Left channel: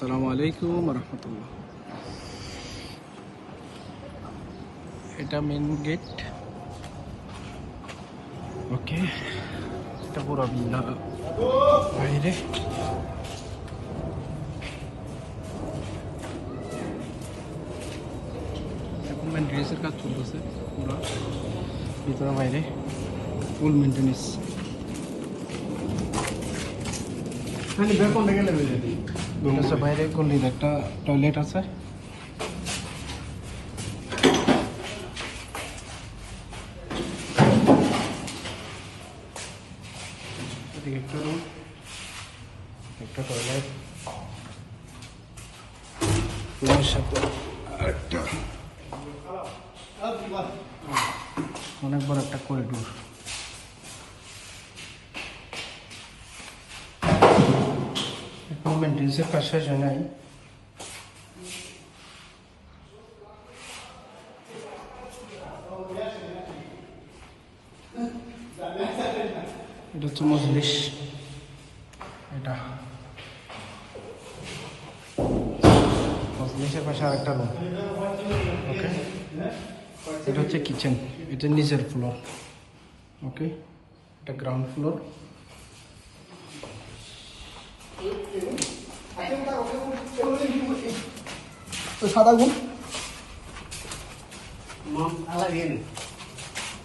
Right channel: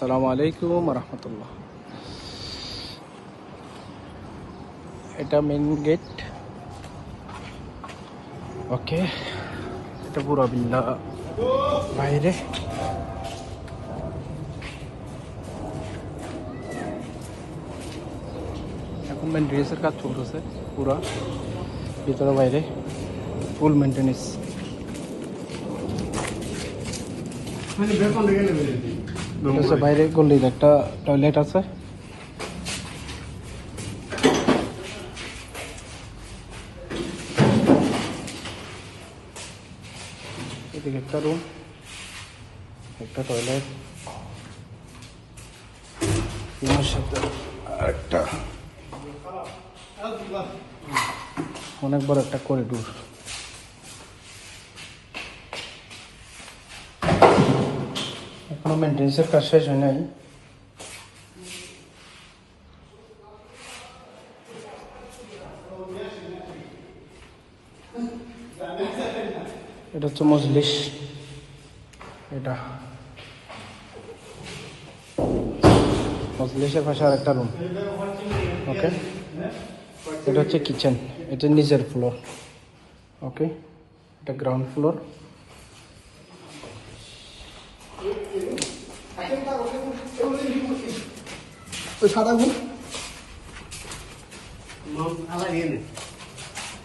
আসসালামু আলাইকুম রহমতুল্লাহ। এটা মেন গেট। ওকে, এটা পুরো বিল্লা বাইরে। এখন মেনটেন্যান্সের কাজ চলতেছে পুরা ভিতরে বাইরে, ফুল মেনটেন্যান্স। বাইরে গলির একটা টয়লেট আছে। এদিকে একটা রুম, একটা টয়লেট, রুমের সাথে আরেকটা অনেক বড় একটা করিডোর। এখন মেনটেন্যান্সের কাজ শেষ হয় নাই। এটা হচ্ছে মজলিস। এটা মজলিসের পাশে আরেকটা রুম। ওকে, এটা হচ্ছে কিচেন। এটা নিচের ফ্লোর। ওকে, এটা গ্রাউন্ড ফ্লোর। সাদা ঘুম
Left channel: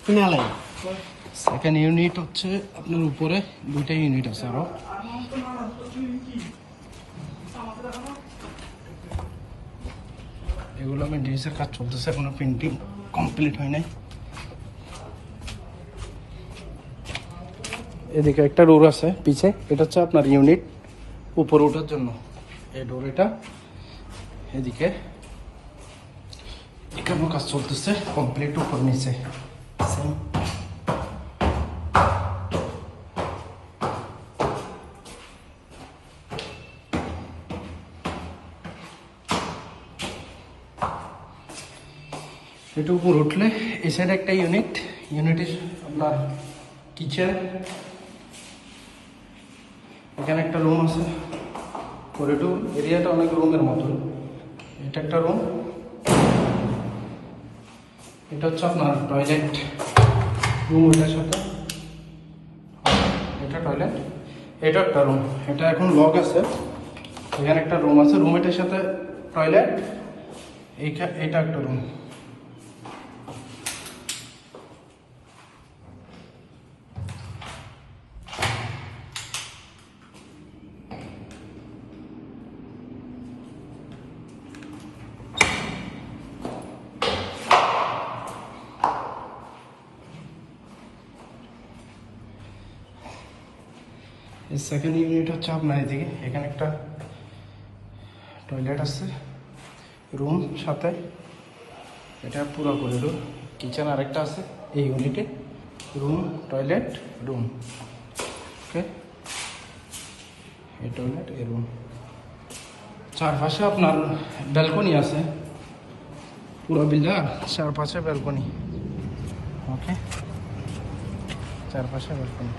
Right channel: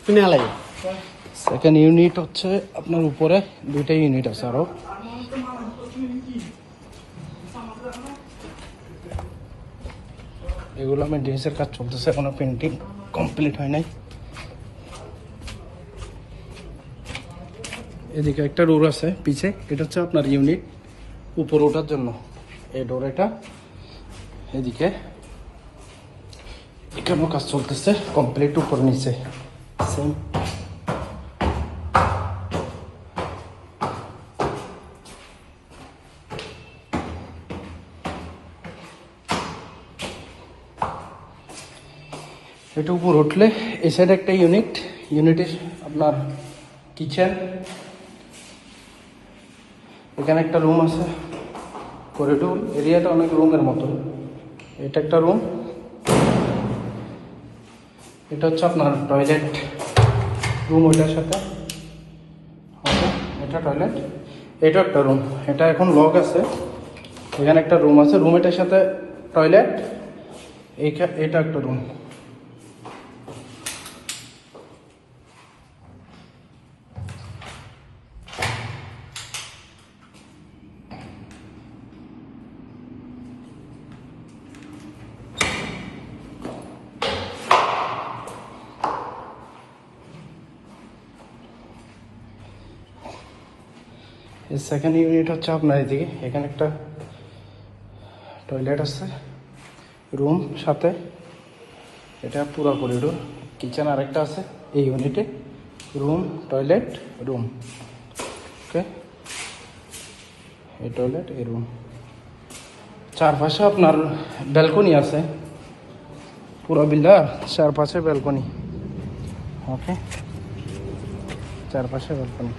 তুমি আলাদা। সেকেন্ড ইউনিট হচ্ছে আপনার উপরে দুইটা ইউনিট আছে আরো। এগুলো আমার ড্রেসের কাজ চলতেছে, এখনো পেন্টিং কমপ্লিট হয় নাই। এদিকে একটা ডোর আছে পিছে, এটা হচ্ছে আপনার ইউনিট উপরে ওঠার জন্য। এই ডোর এটা। এদিকে এখানেও কাজ চলতেছে কমপ্লিট, উপর নিচে সেম। এটা উপর উঠলে এই সাইডে একটা ইউনিটের আপনার কিচেন। এখানে একটা রুম আছে, করিডোর এরিয়াটা অনেক রুমের মতো। এটা একটা রুম। এটা হচ্ছে আপনার টয়লেট রুম, ওইটার সাথে এটা টয়লেট। এটা একটা রুম, এটা এখন লক আছে। এখানে একটা রুম আছে, রুমটার সাথে টয়লেট। এটা একটা রুম। সেকেন্ড ইউনিট হচ্ছে আপনার এদিকে। এখানে একটা টয়লেট আছে, রুম সাথে। এটা পুরো করিডোর। কিচেন আরেকটা আছে এই ইউনিটে। Room, toilet, room. ওকে, এই টয়লেট, এই রুম। চারপাশে আপনার ব্যালকনি আছে পুরো বিল্ডার, চারপাশে ব্যালকনি। ওকে, চারপাশে ব্যালকনি।